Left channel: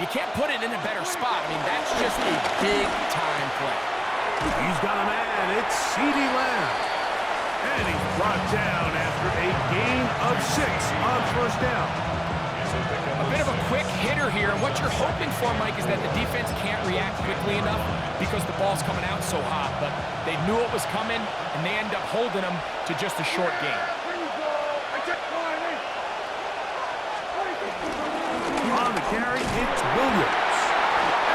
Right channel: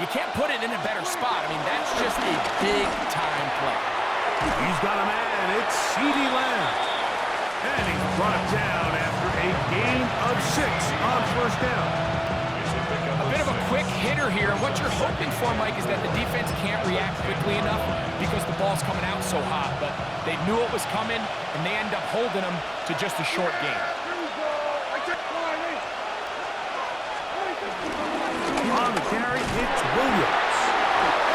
You can't put it in a better spot. I mean, that's just a big-time play. He's got a man. It's CeeDee Lamb. And he's brought down after a gain of 6 on first down. A bit of a quick hitter here, and what you're hoping for, Mike, is that the defense can't react quickly enough because the ball's coming out so hot, but they knew it was coming, and they end up holding them to just a short gain. On the carry, it's Williams.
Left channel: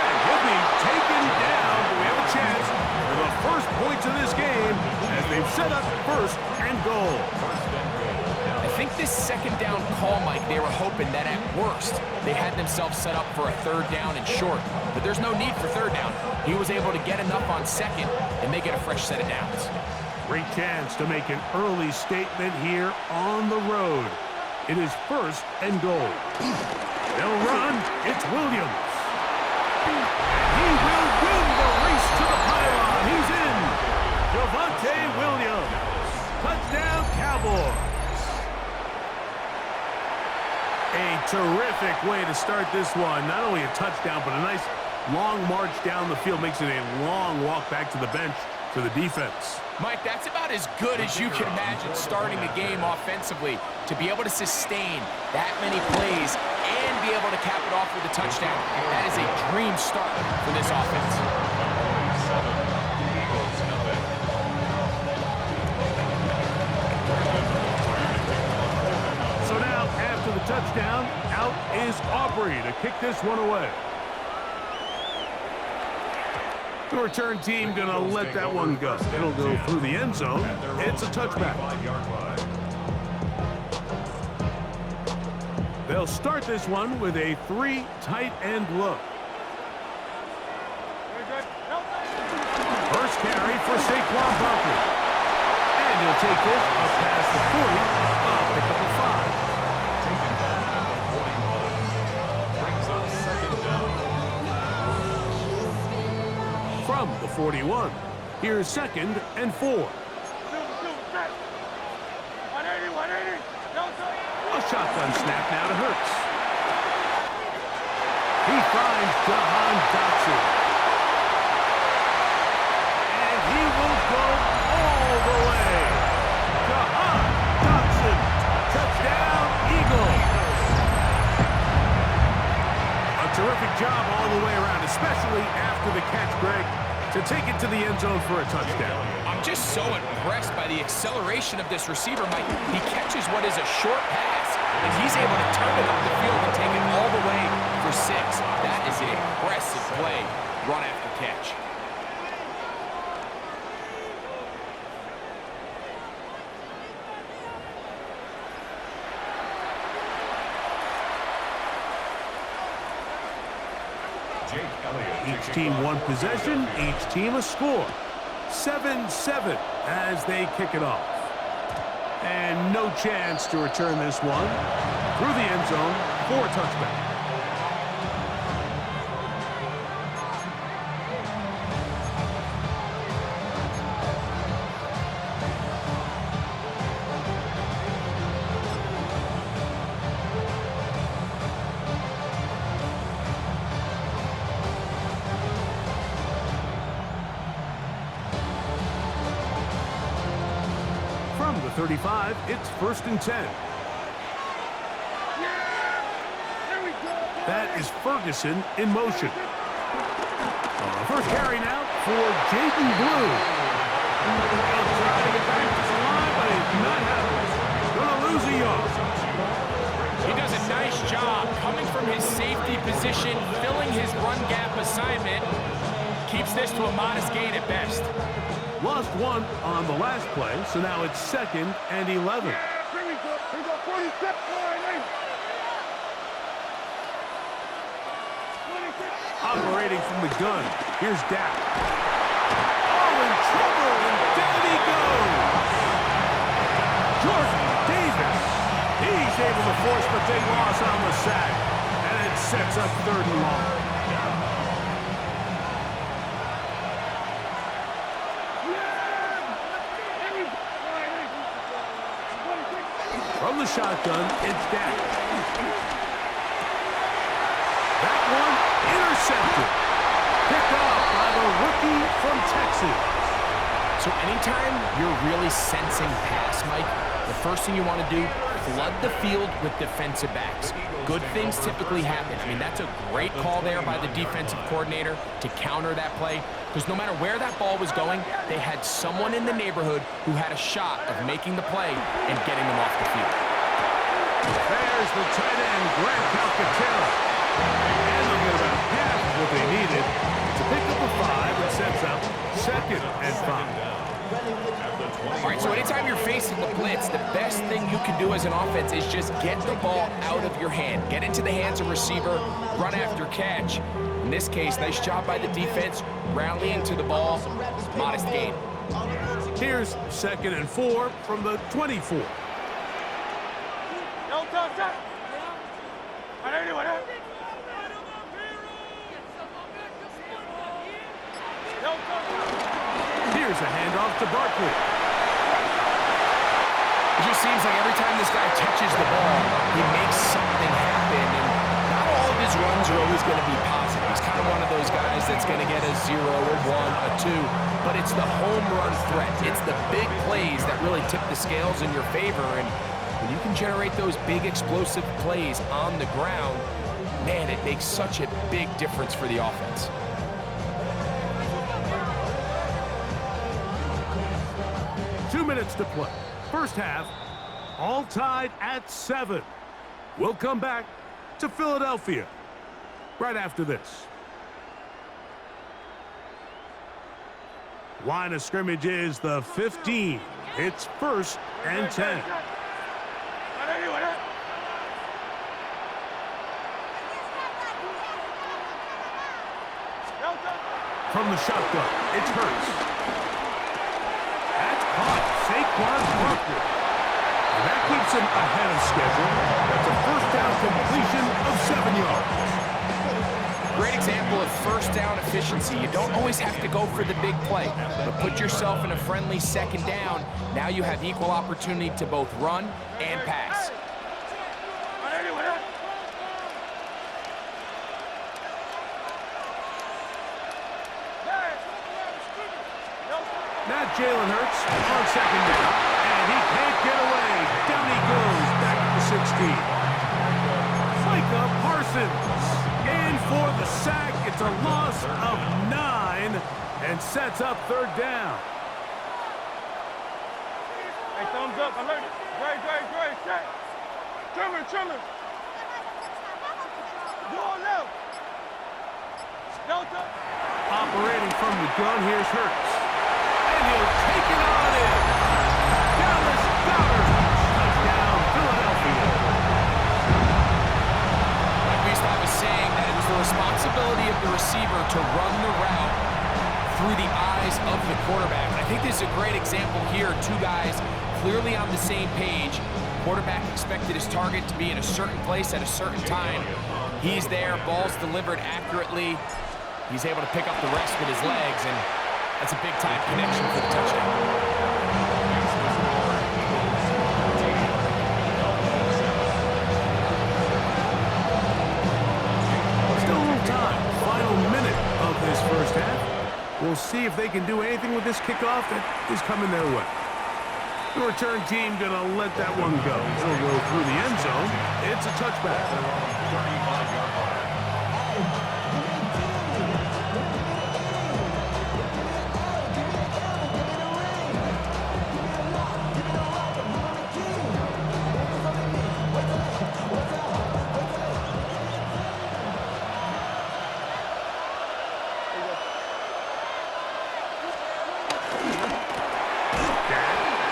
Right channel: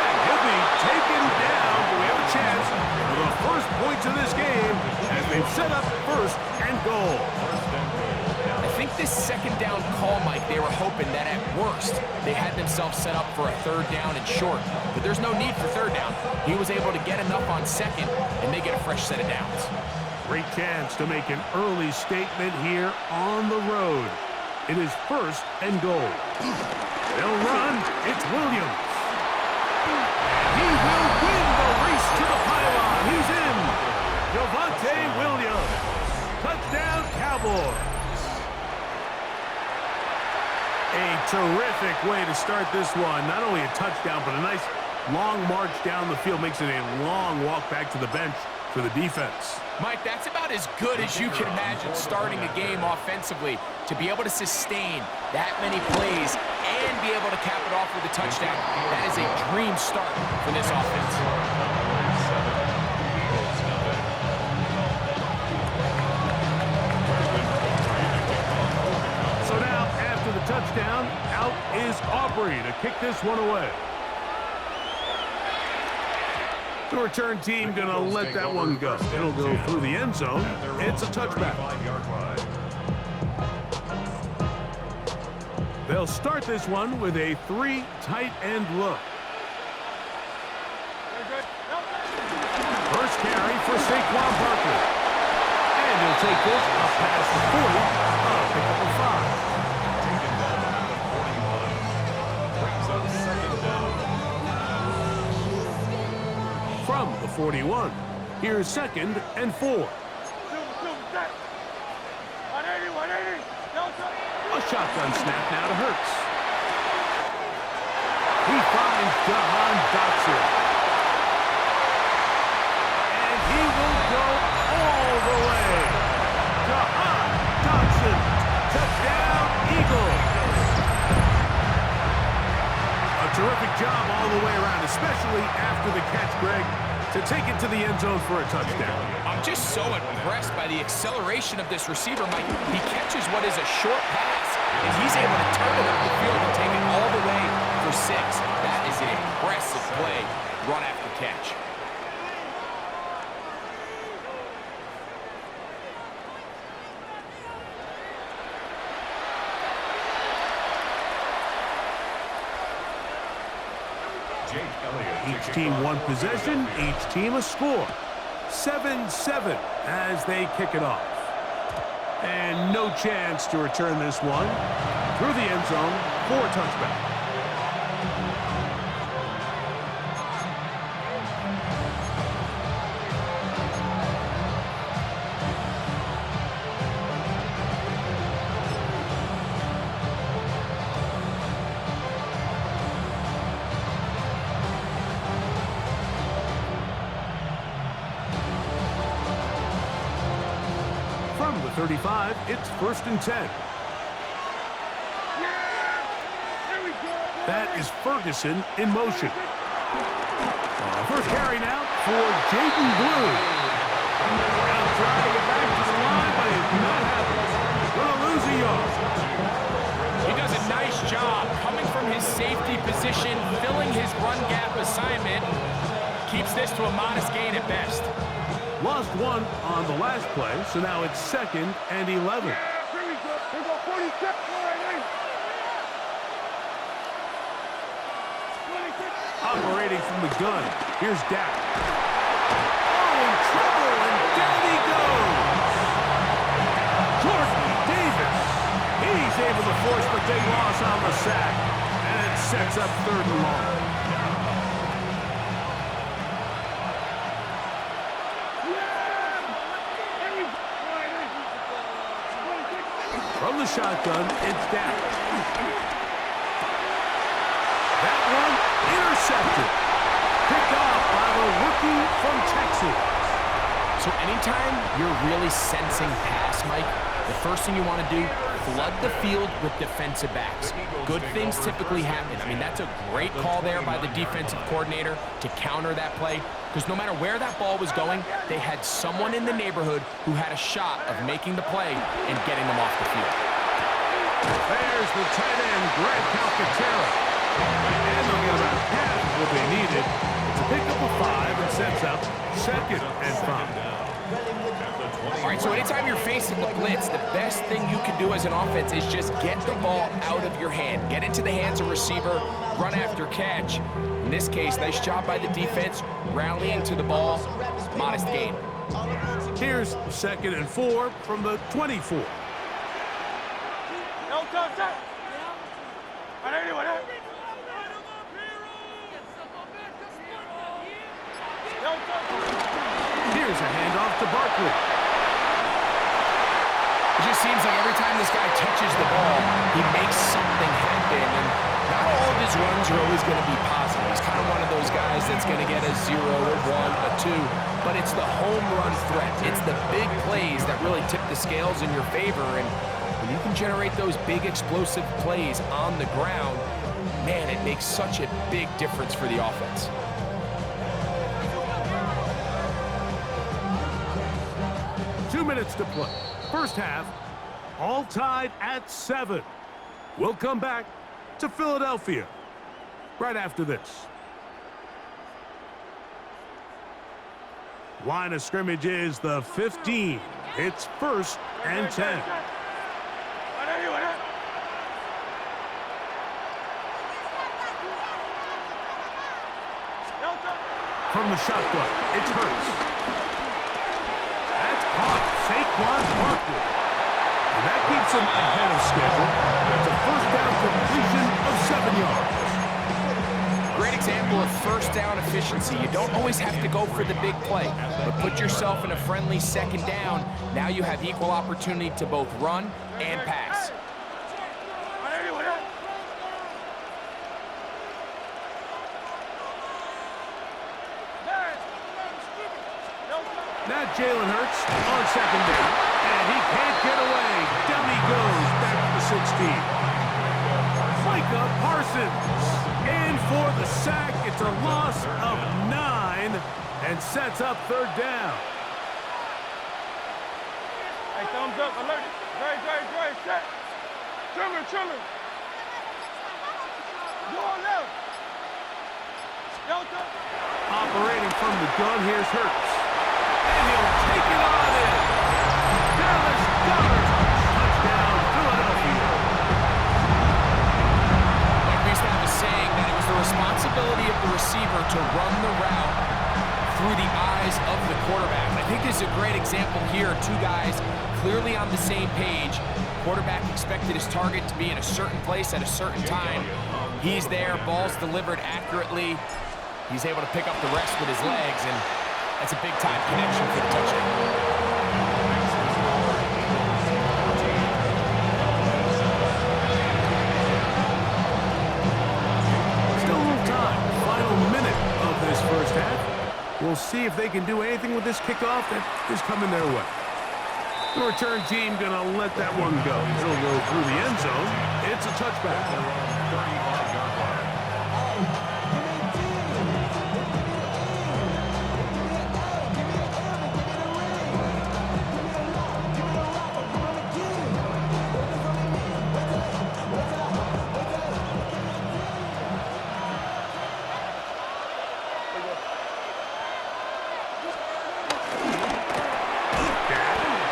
And he'll be taken down, but we have a chance for the first points of this game as they've set up first and goal. I think this second down call, Mike, they were hoping that at worst they had themselves set up for a third down and short. But there's no need for third down. He was able to get enough on second, and they get a fresh set of downs. Great chance to make an early statement here on the road. It is first and goal. They'll run. It's Williams. And he will win the race to the pylon. He's in. Javonte Williams. Touchdown, Cowboys. A terrific way to start this one. Not only a touchdown, but a nice long march down the field. Makes it a long walk back to the bench for the defense. Mike, that's about as good as you can imagine starting a game offensively. To be able to sustain that many plays and be able to cap it off with a touchdown, that is a dream start for this offense. So now, after the touchdown, out is Aubrey to kick this one away. The return team going to let that one go. It'll go through the end zone. It's a touchback. They'll start this one with a 3 tight end look. First carry for Saquon Barkley. And he'll take this up past the 40, a pickup of 5. Taken down at the 41. Brings up second down. From the 41, here's second and 4. A shotgun snap now to Hurts. He finds Jahan Dotson. And he will go all the way. Jahan Dotson. Touchdown, Eagles. A terrific job all the way around, especially after the catch, Greg, to take it to the end zone for a touchdown. I'm just so impressed by the acceleration of this receiver, Mike. He catches what is a short pass, and he's able to turn it up the field and take it all the way for 6. That is an impressive play, run after catch. Each team one possession, each team a score. 7-7 as they kick it off. And no chance to return this one through the end zone for a touchback. From the 35, it's first and 10. That is Ferguson in motion. First carry now for Jaden Blue. He'll try to get back to the line, but it's not happening. Going to lose a yard. He does a nice job coming from his safety position, filling his run gap assignment. Keeps this to a modest gain at best. Lost one on the last play, so now it's second and 11. Operating from the gun, here's Dak. Oh, in trouble, and down he goes. Jordan Davis. He's able to force the big loss on the sack, and it sets up third and long. From the shotgun, it's Dak. That one intercepted. Picked off by the rookie from Texas. So anytime you're really sensing pass, Mike, the first thing you want to do, flood the field with defensive backs. Good things typically happen. I mean, that's a great call there by the defensive coordinator to counter that play, because no matter where that ball was going, they had someone in the neighborhood who had a shot of making the play and getting them off the field. There's the tight end, Grant Calcaterra. And they'll get about half of what they needed. It's a pickup of 5 and sets up 2nd and 5. All right, so anytime you're facing the blitz, the best thing you can do as an offense is just get the ball out of your hand. Get into the hands of receiver, run after catch. In this case, nice job by the defense, rallying to the ball, modest gain. Here's 2nd and 4 from the 24. Here's a handoff to Barkley. It just seems like every time this guy touches the ball, he makes something happen, and not all of his runs are always going to be positive. He's kind of one of those guys that's going to get a 0, a 1, a 2, but it's the home run threat. It's the big plays that really tip the scales in your favor, and when you can generate those big explosive plays on the ground, man, it makes such a big difference for the offense. Two minutes to play. First half, all tied at 7. We'll come back to Philadelphia right after this. Line of scrimmage is the 15. It's 1st and 10. From the shotgun, it's Hurts. That's caught. Saquon Barkley. And that keeps him ahead of schedule. That's a first down completion of 7 yards. Great example of first down efficiency. You don't always have to go for the big play, but put yourself in a friendly 2nd down. Now you have equal opportunity to both run and pass. Now Jalen Hurts on 2nd down, and he can't get away. Down he goes, back to the 16. Micah Parsons in for the sack. It's a loss of 9 and sets up 3rd down. Hey, thumbs up, alert it. Great, set. Trimmer. Go on left. Delta. Operating from the gun, here's Hurts. And he'll take it on in. Dallas Goedert. Touchdown, Philadelphia. Like we used to have a saying that it was the responsibility of the receiver to run the route through the eyes of the quarterback. And I think this is a great example here. Two guys clearly on the same page. Quarterback expected his target to be in a certain place at a certain time. He's there, ball's delivered accurately. He's able to pick up the rest with his legs, and that's a big-time connection for the touchdown. Still a little time. Final minute of this first half. We'll see if they can do anything with this kickoff that is coming their way. The return team going to let that one go. It'll go through the end zone. It's a touchback. 35-yard line.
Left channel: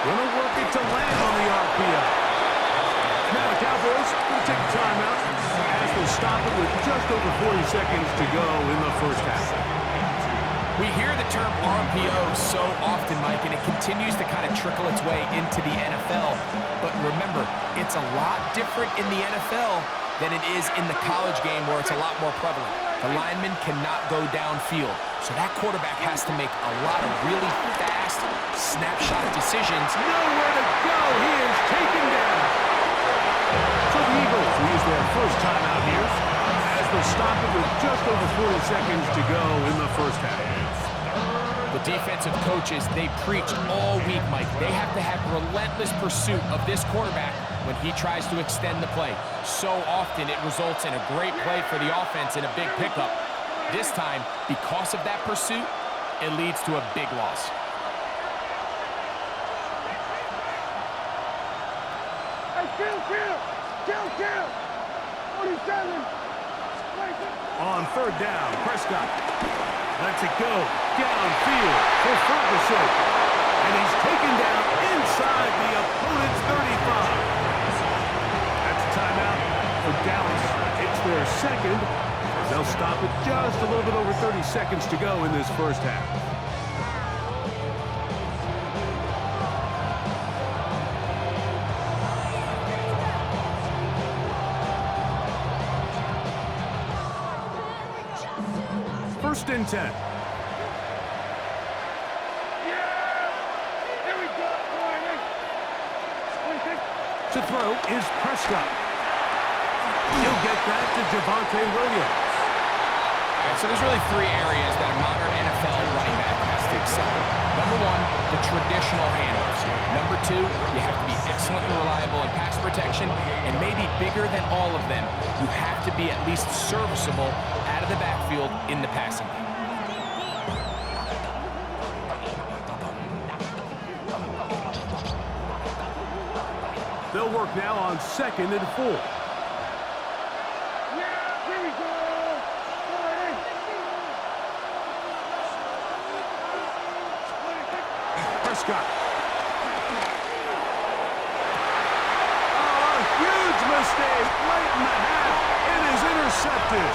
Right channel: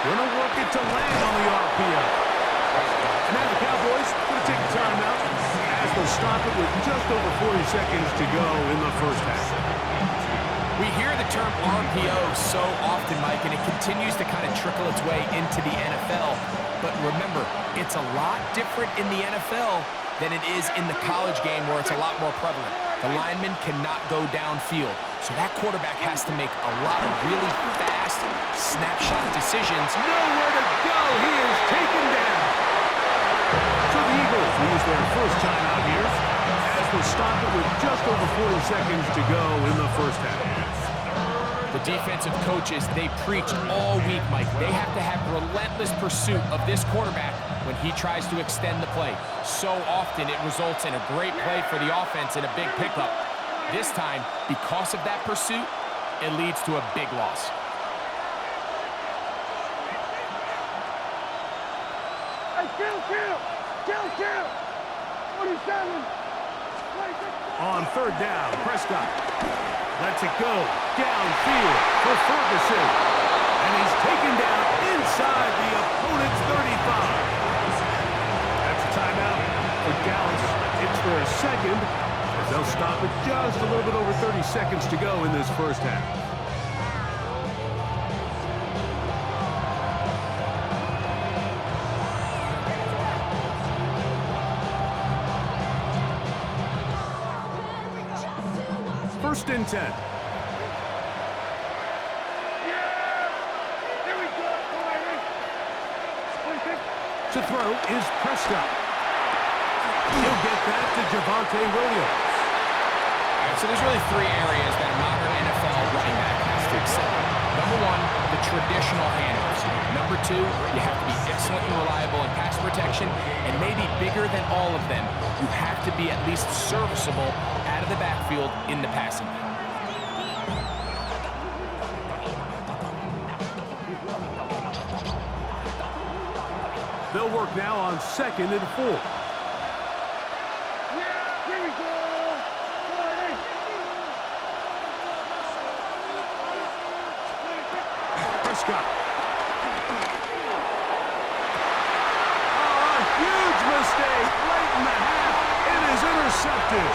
Gonna work it to land on the RPO. And now the Cowboys gonna take a timeout as they'll stop it with just over 40 seconds to go in the first half. We hear the term RPO so often, Mike, and it continues to kind of trickle its way into the NFL. But remember, it's a lot different in the NFL than it is in the college game where it's a lot more prevalent. The lineman cannot go downfield, so that quarterback has to make a lot of really fast snapshot decisions. Nowhere to go. He is taken down. So the Eagles will use their first timeout here as they'll stop it with just over 40 seconds to go in the first half. The defensive coaches, they preached all week, Mike. They have to have relentless pursuit of this quarterback when he tries to extend the play. So often it results in a great play for the offense and a big pickup. This time, because of that pursuit, it leads to a big loss. Hey, kill! 47. On third down, Prescott lets it go downfield for Ferguson. And he's taken down inside the opponent's 35. That's a timeout for Dallas. It's their second, as they'll stop it just a little bit over 30 seconds to go in this first half. First and 10. Here we go. To throw is Prescott. He'll get that to Javonte Williams. All right, so there's really three areas that a modern NFL running back has to excel in. Number one, the traditional handoffs. Number two, you have to be excellent and reliable in pass protection. And maybe bigger than all of them, you have to be at least serviceable out of the backfield in the passing game. They'll work now on 2nd and 4. Here we go. Prescott. Oh, a huge mistake late in the half. It is intercepted.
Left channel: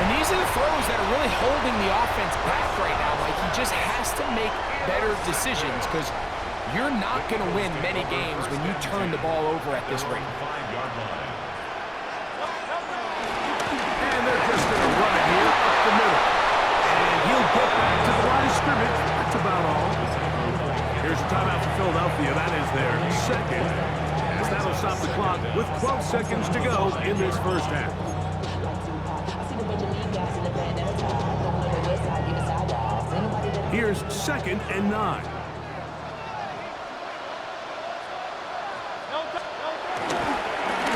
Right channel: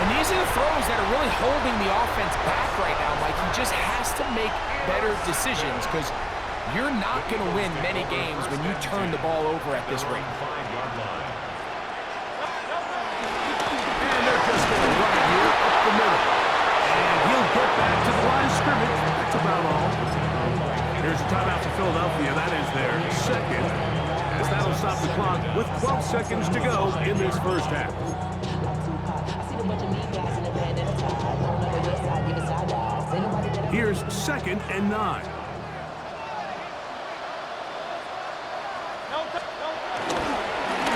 And these are the throws that are really holding the offense back right now, Mike. He just has to make better decisions because you're not going to win many games when you turn the ball over at this rate. And they're just going to run it here up the middle. And he'll get back to the line of scrimmage. That's about all. Here's a timeout for Philadelphia. That is their second, as that'll stop the clock with 12 seconds to go in this first half. Here's 2nd and 9.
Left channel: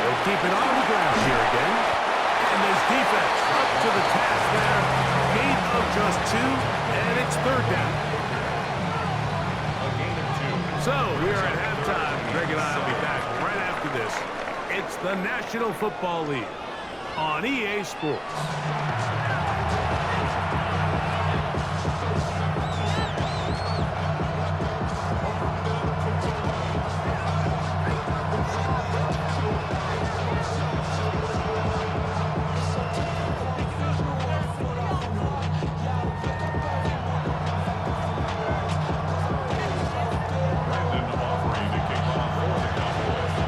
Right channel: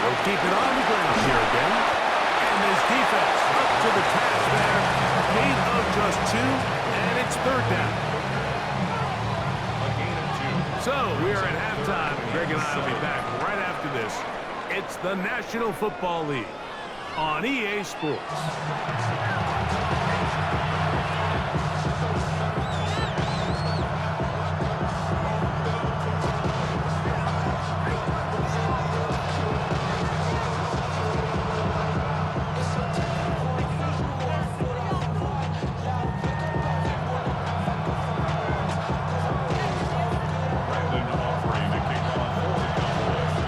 They'll keep it on the ground here again. And this defense up to the task there. Gain of just 2, and it's third down. A gain of 2. So we are at halftime. Greg and I will be back right after this. It's the National Football League on EA Sports. Offering to kick off for the Cowboys.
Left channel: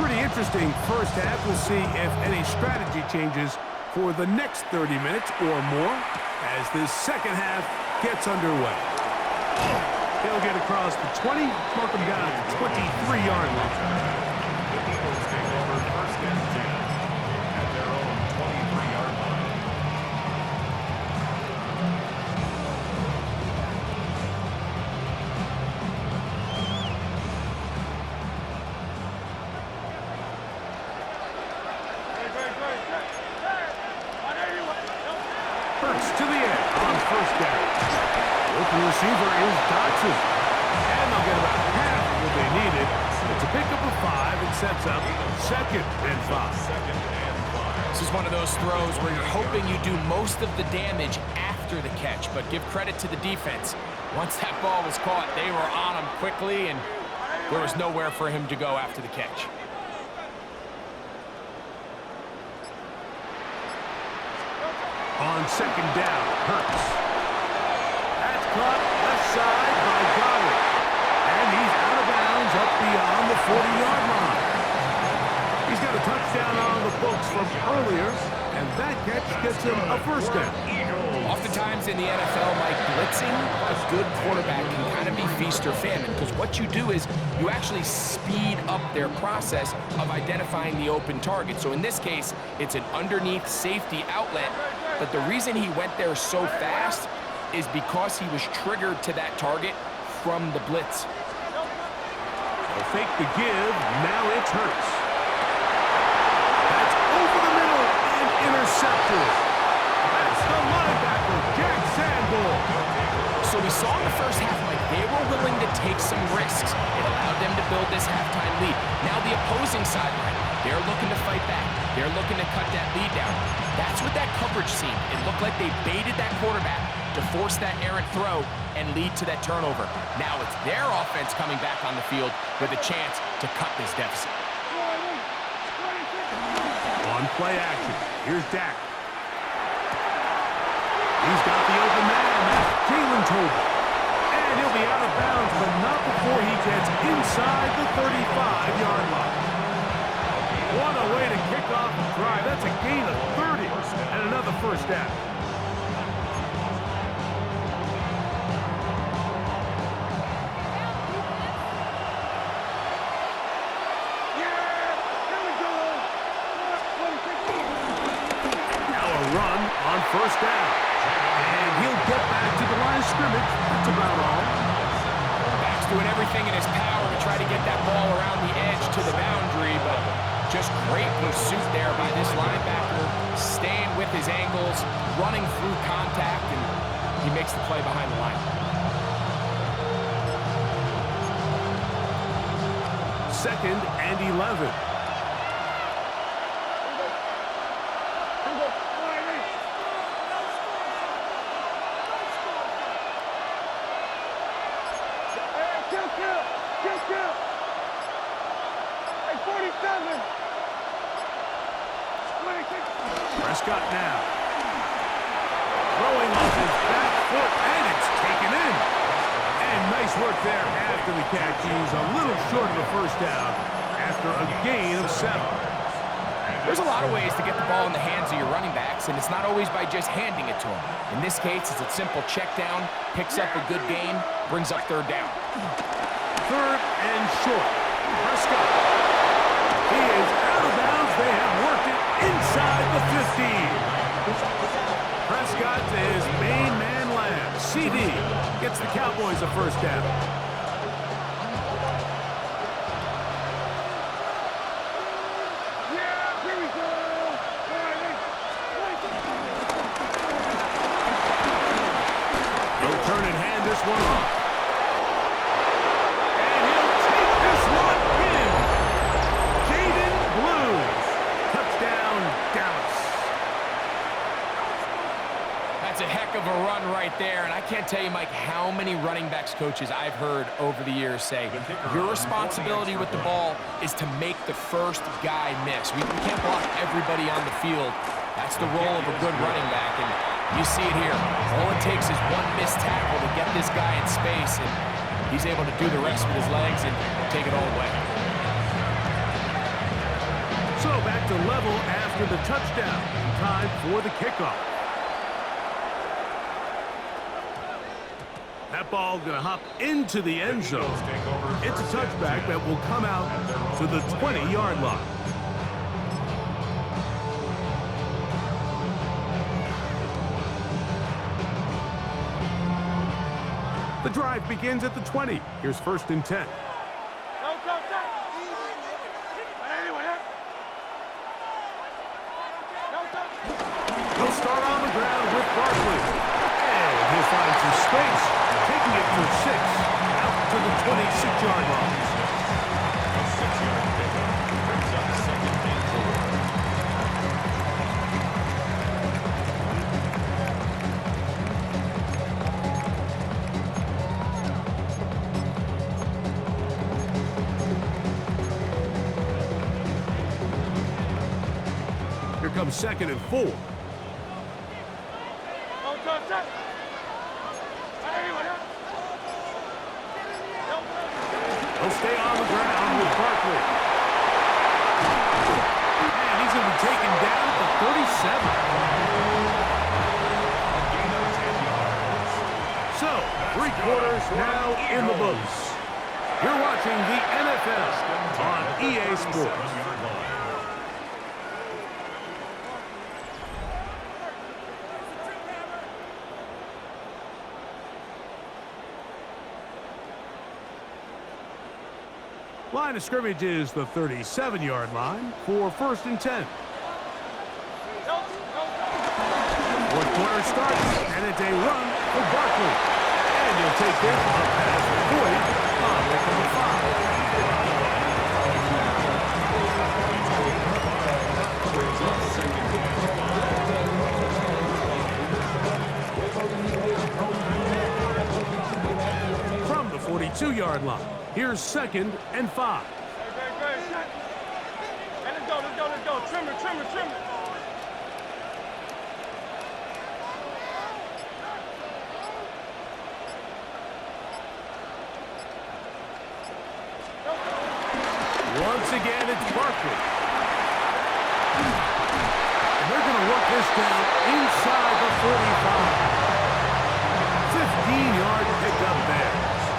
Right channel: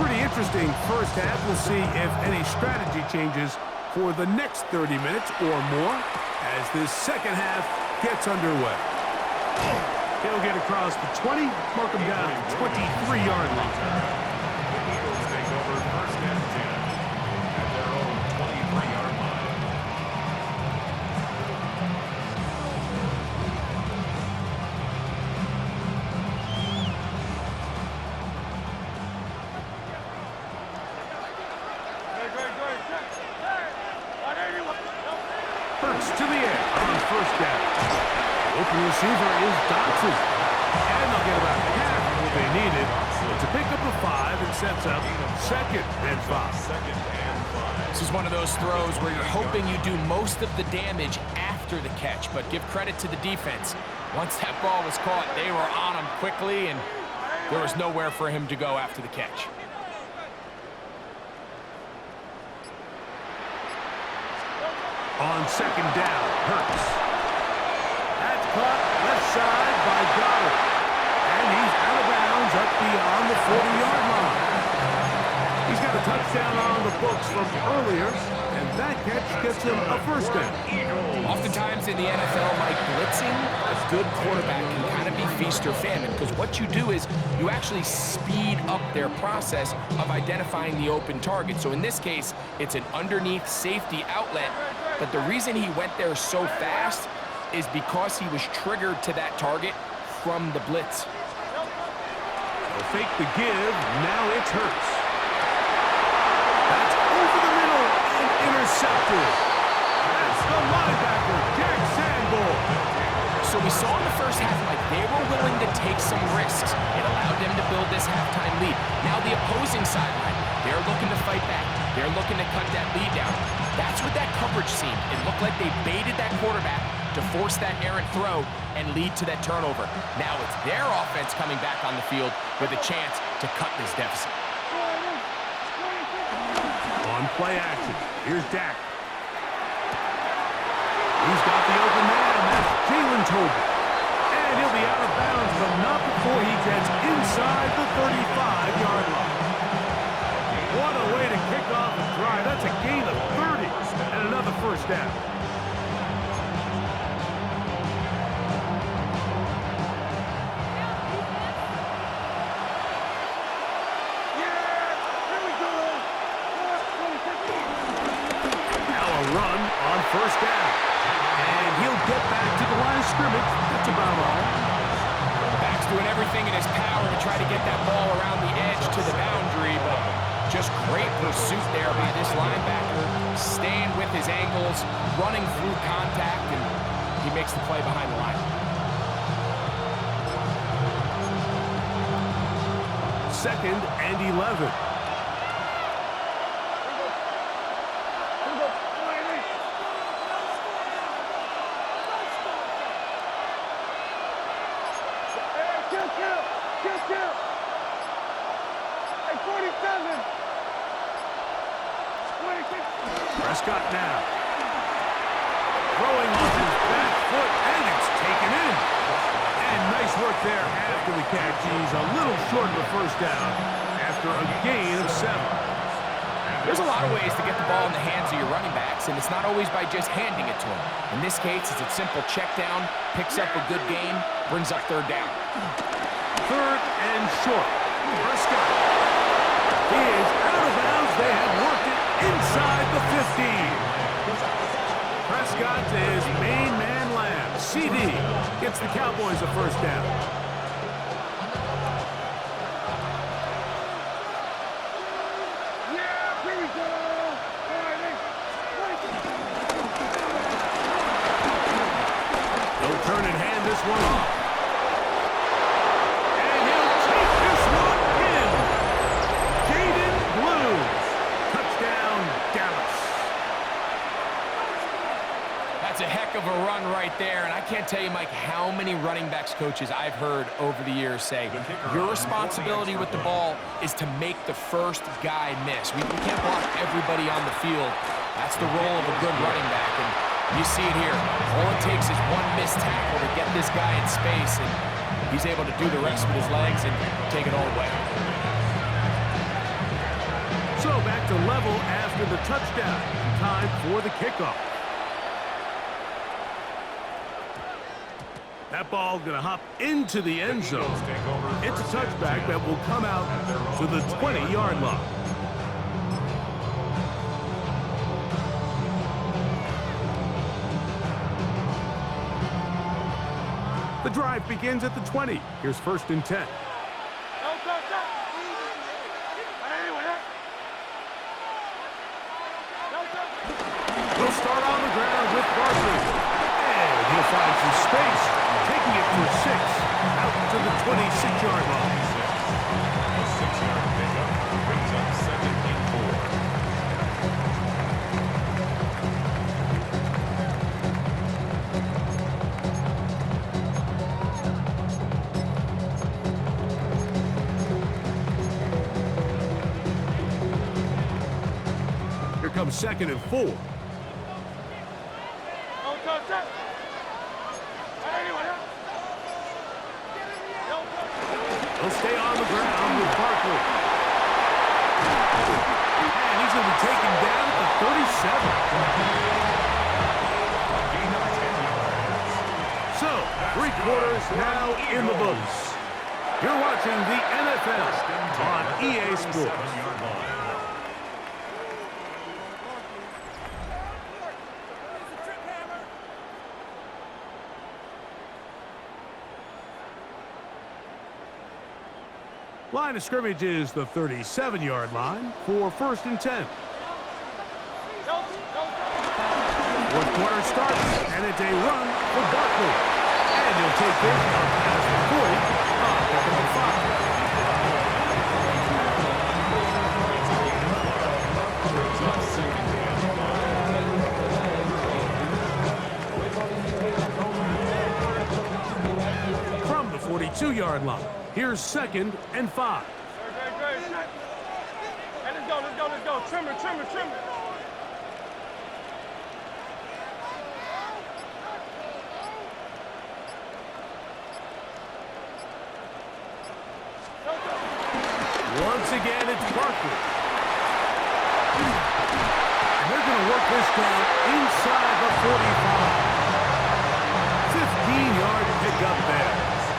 Pretty interesting first half. We'll see if any strategy changes for the next 30 minutes or more as this second half gets underway. He'll get across the 20, mark him down at the 23-yard line. The Eagles take over 1st and 10 at their own 23-yard line. Hurts to the end on 1st down. The open receiver is Dotson. And they'll get about half of what they needed. It's a pickup of 5 and sets up 2nd and 5. 2nd and 5. This is one of those throws where you're hoping you do most of the damage after the catch, but give credit to the defense. Once that ball was caught, they were on him quickly, and there was nowhere for him to go after the catch. On 2nd down, Hurts. That's caught left side by Goddard. And he's out of bounds up beyond the 40-yard line. He's got the touchdown on the books from earlier, and that catch gets him a first down. Oftentimes in the NFL, Mike, blitzing a good quarterback can kind of be feast or famine, because what you do is you actually speed up their process of identifying the open target. So in this case, it's an underneath safety outlet, but the reason he went there so fast is because he was triggered to that target from the blitz. They'll fake the give. Now it's Hurts. That's over the middle and intercepted. That's the linebacker, Jack Sanborn. So we saw in the first half, Mike, they were willing to take some risks. It allowed them to build this halftime lead. Now the opposing sideline, they're looking to fight back. They're looking to cut that lead down. That's what that coverage seemed. It looked like they baited that quarterback to force that errant throw and lead to that turnover. Now it's their offense coming back on the field with a chance to cut this deficit. On play action, here's Dak. He's got the open man. That's Jalen Tobin. And he'll be out of bounds, but not before he gets inside the 35-yard line. What a way to kick off a drive. That's a gain of 30 and another first down. Now a run on first down. And he'll get back to the line of scrimmage. That's about all. Back's doing everything in his power to try to get that ball around the edge to the boundary, but just great pursuit there by this linebacker, staying with his angles, running through contact, and he makes the play behind the line. Second and 11. Prescott now. Throwing off his back foot, and it's taken in. And nice work there after the catch. He's a little short of a first down after a gain of 7. There's a lot of ways to get the ball in the hands of your running backs, and it's not always by just handing it to them. In this case, it's a simple check down, picks up a good gain, brings up third down. Third and short. Prescott. He is out of bounds. They have worked it inside the 15. Prescott to his main man Lamb. CD gets the Cowboys a first down. He'll turn and hand this one off. And he'll take this one in. Jaden Blues. Touchdown, Dallas. That's a heck of a run right there, and I can't tell you, Mike, how many running backs coaches I've heard over the years say, your responsibility with the ball is to make the first guy miss. We can't block everybody on the field. That's the role of a good running back, and you see it here. All it takes is one missed tackle to get this guy in space, and he's able to do the rest with his legs and take it all away. So back to level after the touchdown. Time for the kickoff. That ball going to hop into the end zone. It's a touchback that will come out to the 20-yard line. The drive begins at the 20. Here's first and 10. He'll start on the ground with Barkley. And he'll find some space, taking it for 6, out to the 26-yard line. A 6-yard pickup brings up second and 4. Here comes second and 4. He'll stay on the ground with Barkley. And he's going to be taken down at the 37. A gain of 10 yards. So, 3 quarters now in the books. You're watching the NFL on EA Sports. Line of scrimmage is the 37-yard line for 1st and 10. Fourth quarter starts, and it's a run for Barkley. And he'll take this up past the 40, up to the 5. From the 42-yard line, here's 2nd and 5. Hey, let's go. Trim it. Once again, it's Barkley. And they're going to work this down inside the 45. 15-yard pickup there.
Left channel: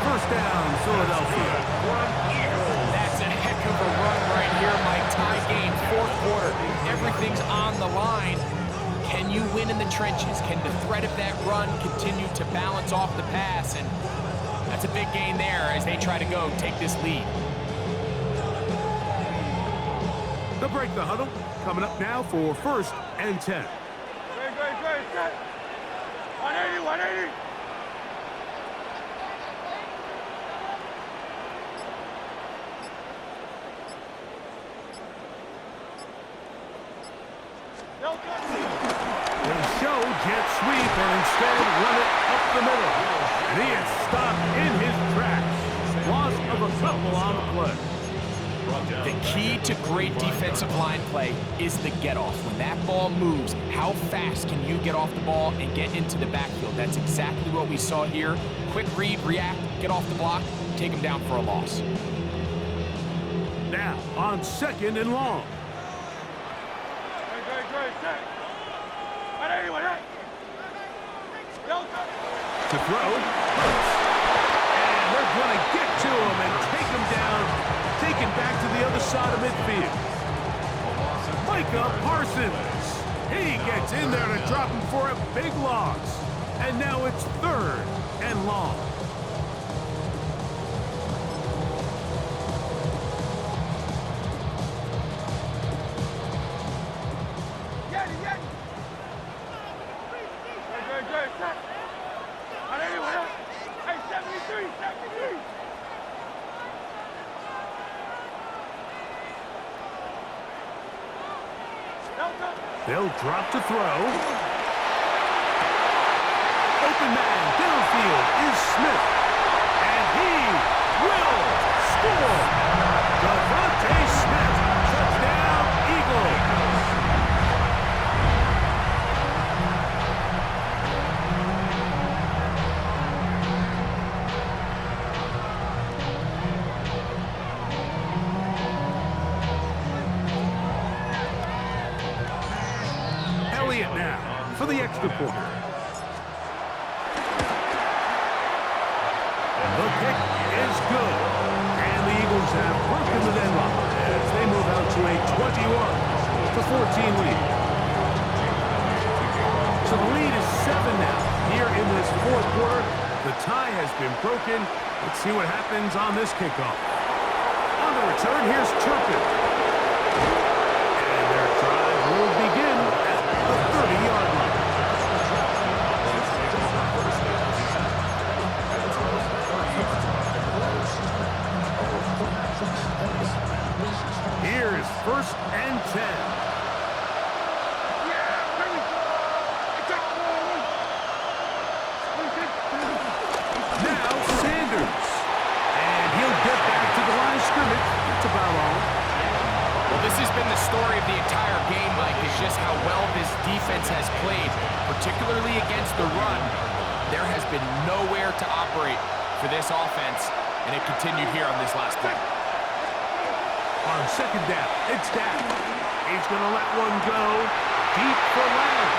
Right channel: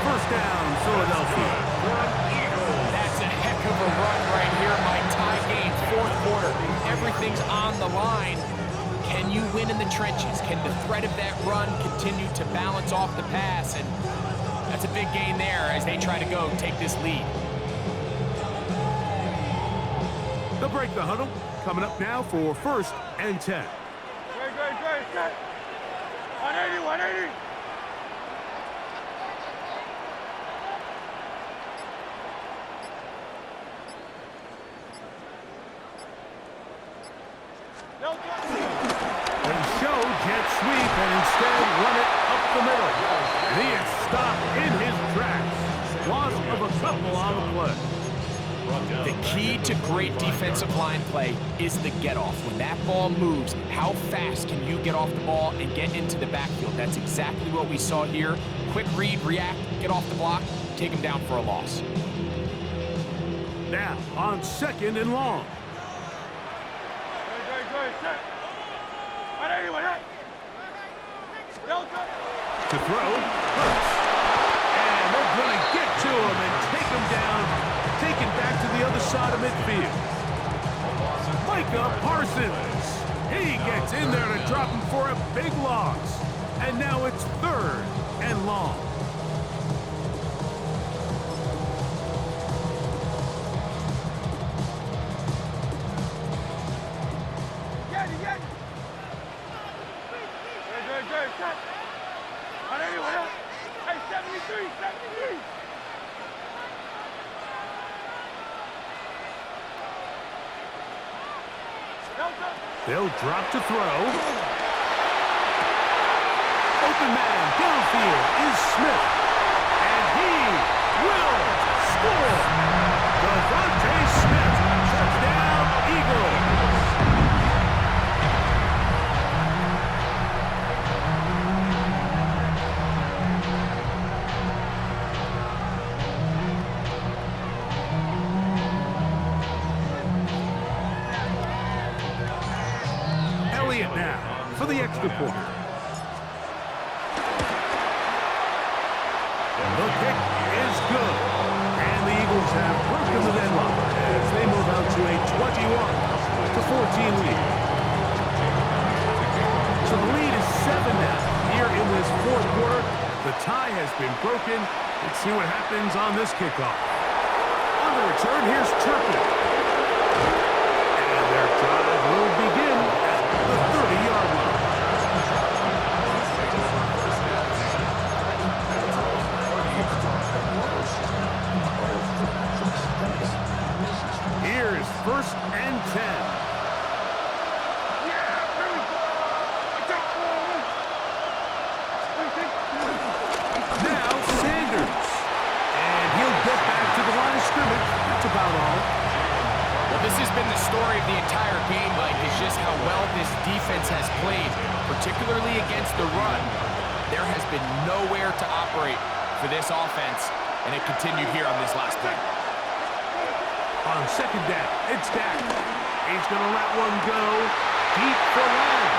1st down, Philadelphia. That's a heck of a run right here, Mike. Tie game, 4th quarter. Everything's on the line. Can you win in the trenches? Can the threat of that run continue to balance off the pass? And that's a big gain there as they try to go take this lead. They'll break the huddle. Coming up now for 1st and 10. Great, set. 180. They show jet sweep and instead run it up the middle. And he is stopped in his tracks. Loss of a couple on the play. The key to great defensive line play is the get-off. When that ball moves, how fast can you get off the ball and get into the backfield? That's exactly what we saw here. Quick read, react, get off the block, take him down for a loss. Now on 2nd and long. Great, set. 180. To throw, Hurts. And they're going to get to him and take him down, taken back to the other side of midfield. Micah Parsons. He gets in there to drop him for a big loss. And now it's 3rd and long. Great, set. 180. Hey, 73. They'll drop to throw. Open man downfield is Smith. And he will score. Devontae Smith, touchdown Eagles. Now for the extra point. The kick is good. And the Eagles have broken the deadlock as they move out to a 21-14 lead. So the lead is 7 now. Here in this 4th quarter, the tie has been broken. Let's see what happens on this kickoff. On the return, here's Turpin. And their drive will begin at the 30-yard line. Here's 1st and 10. Now Sanders. And he'll get back to the line of scrimmage. That's about all. Well, this has been the story of the entire game, Mike, is just how well this defense has played, particularly against the run. There has been nowhere to operate for this offense, and it continued here on this last play. On second down, it's Dak. He's going to let one go deep for Lamb.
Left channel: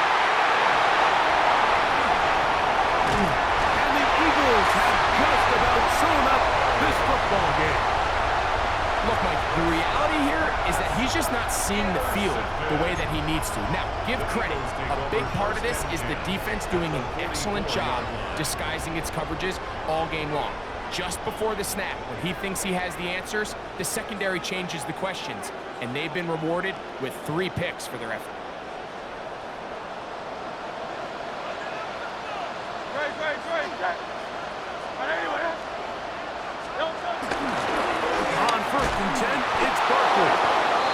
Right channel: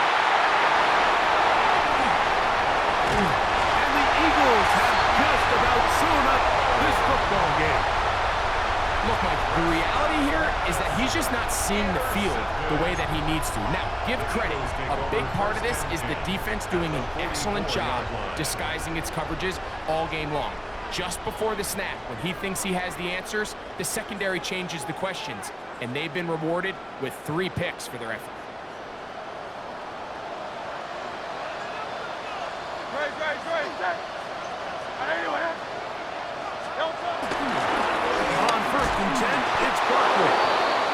And the Eagles have just about sewn up this football game. Look, Mike, the reality here is that he's just not seeing the field the way that he needs to. Now, give credit. A big part of this is the defense doing an excellent job disguising its coverages all game long. Just before the snap, when he thinks he has the answers, the secondary changes the questions, and they've been rewarded with 3 picks for their effort. On 1st and 10, it's Barkley.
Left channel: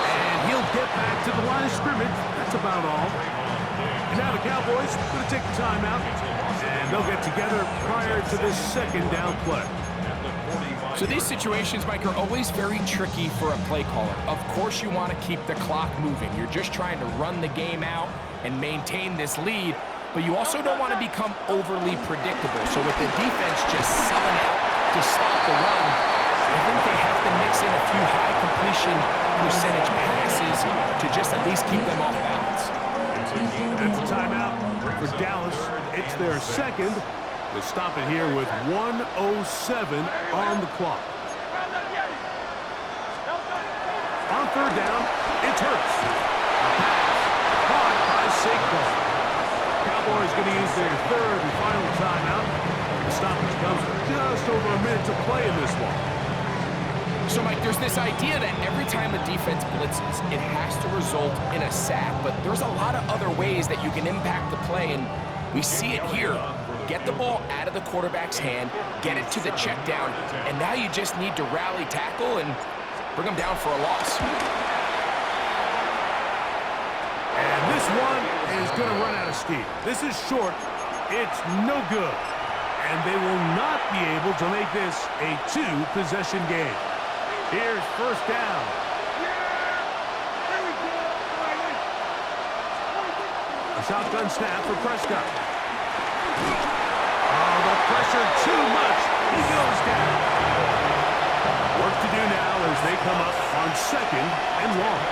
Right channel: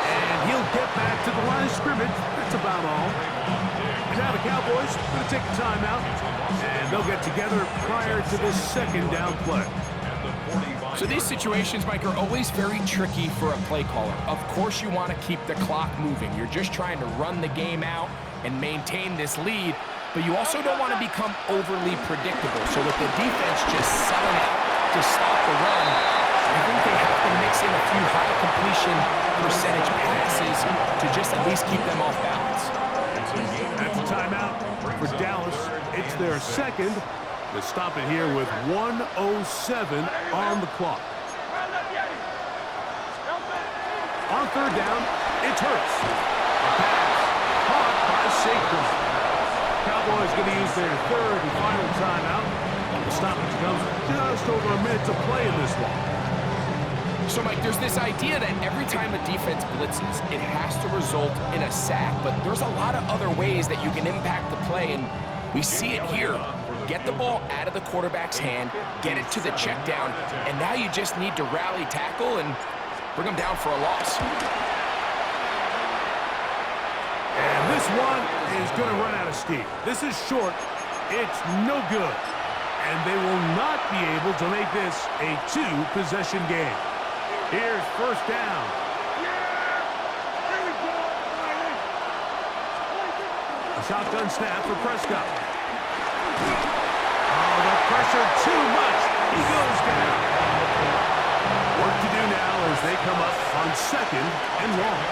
And he'll get back to the line of scrimmage. That's about all. And now the Cowboys going to take a timeout, and they'll get together prior to this second down play. So these situations, Mike, are always very tricky for a play caller. Of course you want to keep the clock moving. You're just trying to run the game out and maintain this lead, but you also don't want to become overly predictable. So with the defense just selling out to stop the run, I think they have to mix in a few high completion percentage passes to just at least keep them off balance. That's a timeout for Dallas. It's their second. They stop it here with 1:07 on the clock. On 3rd down, it's Hurts. A pass caught by Saquon. Cowboys going to use their 3rd and final timeout. The stoppage comes just over a minute to play in this one. So, Mike, there's this idea that every time a defense blitzes, it has to result in a sack, but there's a lot of other ways that you can impact the play, and we see it here. Get the ball out of the quarterback's hand, get it to the check down, and now you just need to rally tackle and bring them down for a loss. And this one is going to run out of steam. This is short. It's no good. And they will not be able to make this a 2-possession game. Here's 1st down. A shotgun snap for Prescott. Oh, the pressure too much. He goes down. Work to do now as they come up on 2nd and long.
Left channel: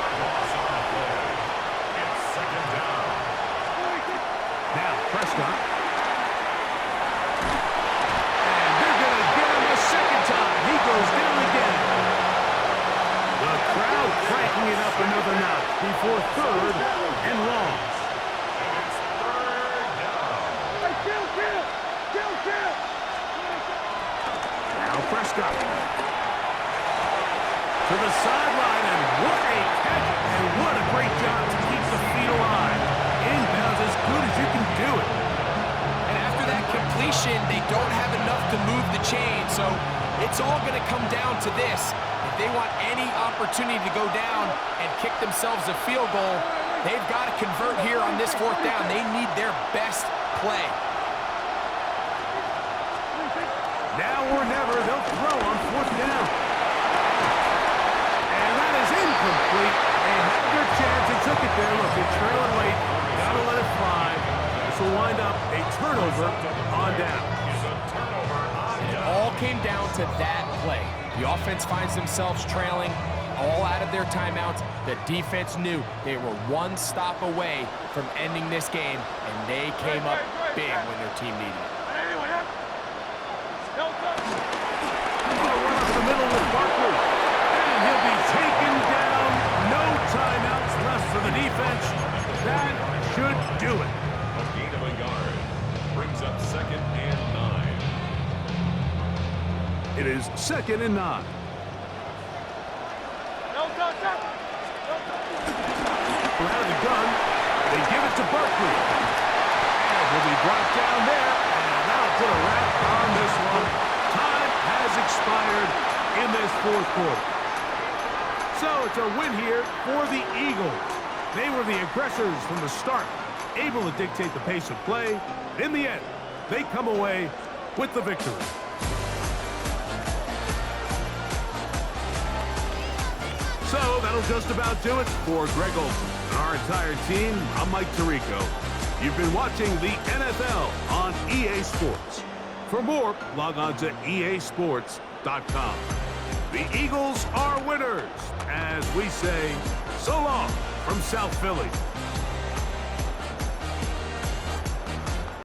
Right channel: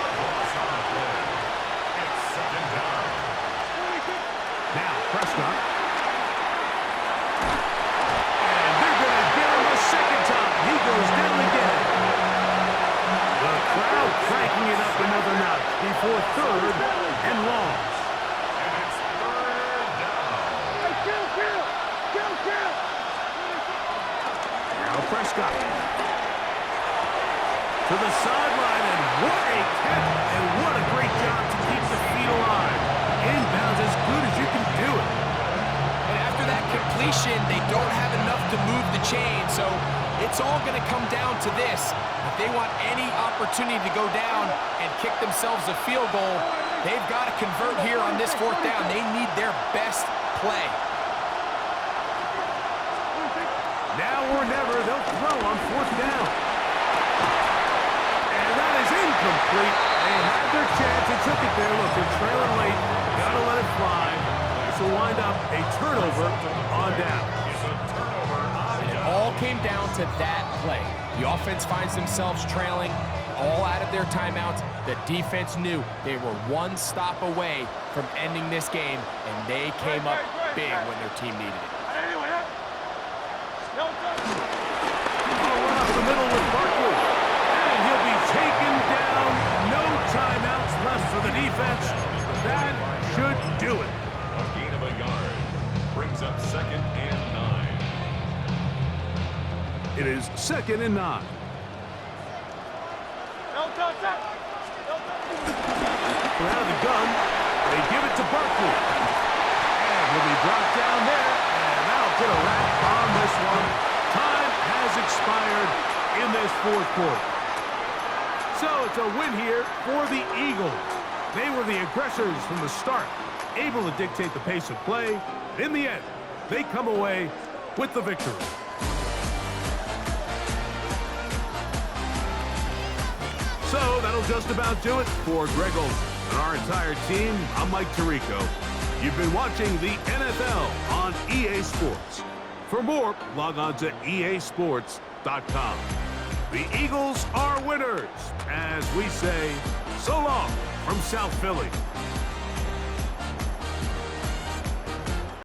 It's 2nd down. Now Prescott. And they're going to get him a 2nd time. He goes down again. The crowd cranking it up another notch before 3rd and long. And it's 3rd down. Now Prescott. To the sideline, and what a catch, and what a great job to keep the feet alive. Inbounds as good as you can do it. And after that completion, they don't have enough to move the chain, so it's all going to come down to this. If they want any opportunity to go down and kick themselves a field goal, they've got to convert here on this 4th down. They need their best play. Now or never, they'll throw on 4th down. And that is incomplete. They had their chance. They took it there. Look, they're trailing late. Got to let it fly. This will wind up a turnover on down. It all came down to that play. The offense finds themselves trailing all out of their timeouts. The defense knew they were one stop away from ending this game, and they came up big when their team needed it. I'll run up the middle with Barkley. And he'll be taken down. No timeouts left for the defense. That should do it. A gain of a yard. Brings up 2nd and 9. It is 2nd and 9. From out of the gun, they give it to Barkley. And he'll be brought down there, and that'll put a wrap on this one. Time has expired in this 4th quarter. So it's a win here for the Eagles. They were the aggressors from the start, able to dictate the pace of play. And in the end, they come away with the victory. So that'll just about do it for Greg Olsen and our entire team. I'm Mike Tirico. You've been watching the NFL on EA Sports. For more, log on to easports.com. The Eagles are winners, as we say, so long from South Philly.